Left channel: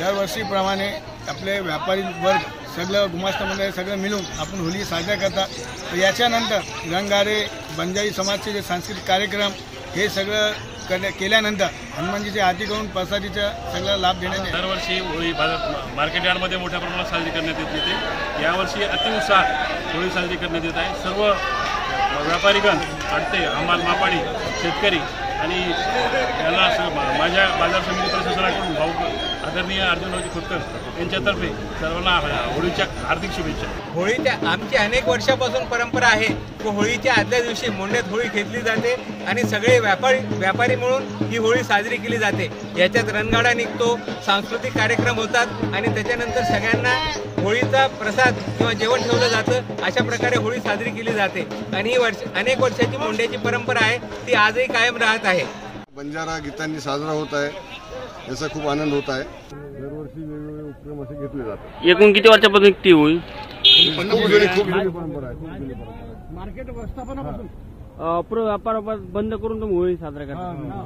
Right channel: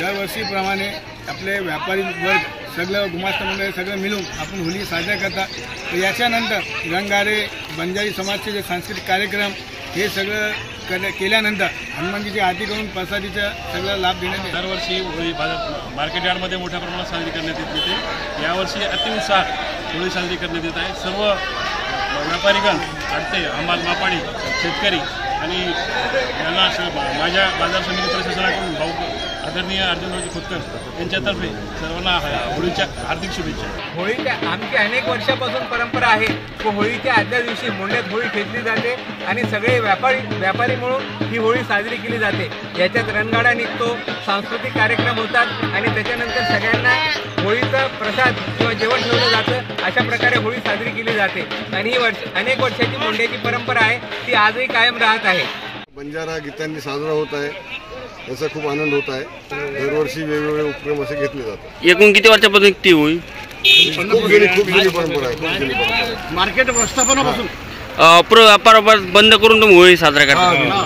दरवर्षीप्रमाणे आपले व्यापारी वर्ग सगळं गुमास्ता मंडळ सगळं मिळून आपण होळी साजरा करतात। याच्यानंतर रंगारे बंजारी समाजचे जे सांस्कृतिक कार्यक्रम हे सगळं केल्यानंतर हनुमानजीची आरती करून प्रसादीचा सगळा लाभ देण्यात दरवर्षी होळी मार्केट यार्डमध्ये मोठ्या प्रमाणात साजरी करण्यात येते। यावर्षी अतिउत्साहात होळी साजरी करण्यात येत आहे। सर्व व्यापारीगण, आडते, हमाल, मापाडी, शेतकरी आणि यांना माझ्या बाजार समिती प्रशासनाकडून भाऊ आदरणीय अर्जुनरावजी खोतकर यांच्यातर्फे सर्वांना होळीच्या हार्दिक शुभेच्छा। होळीच्या आमची अनेक वर्षापासून परंपरा आहे की होळीच्या आदल्या दिवशी मोंड्यात होळी खेचली जाते आणि सगळे व्यापारी मिळून ही होळी साजरी केली जाते। याच्यात रणगाडा निघतो, सांस्कृतिक कार्यक्रम होतात आणि त्याच्यानंतर सगळ्यांना होळीचा प्रसाद किंवा जेवण ठेवलं जातं। अशा प्रकारे होळी साजरी केली जाते आणि ही अनेक वर्षाची मोंड्याची परंपरा आहे, ती आजही कायम राहत आहे। बंजारा गीतांनी साजरा होत आहे, याचा खूप आनंद होत आहे। दरवर्षी वेगवेगळे उपक्रम असे घेतले जातात। एकूण किती वर्षापासून ती होळी? खूप जुनी परंपरा आहे। मार्केट व्यवस्थापनापासून व्यापार बंद करून तुम्ही होळी साजरा करता?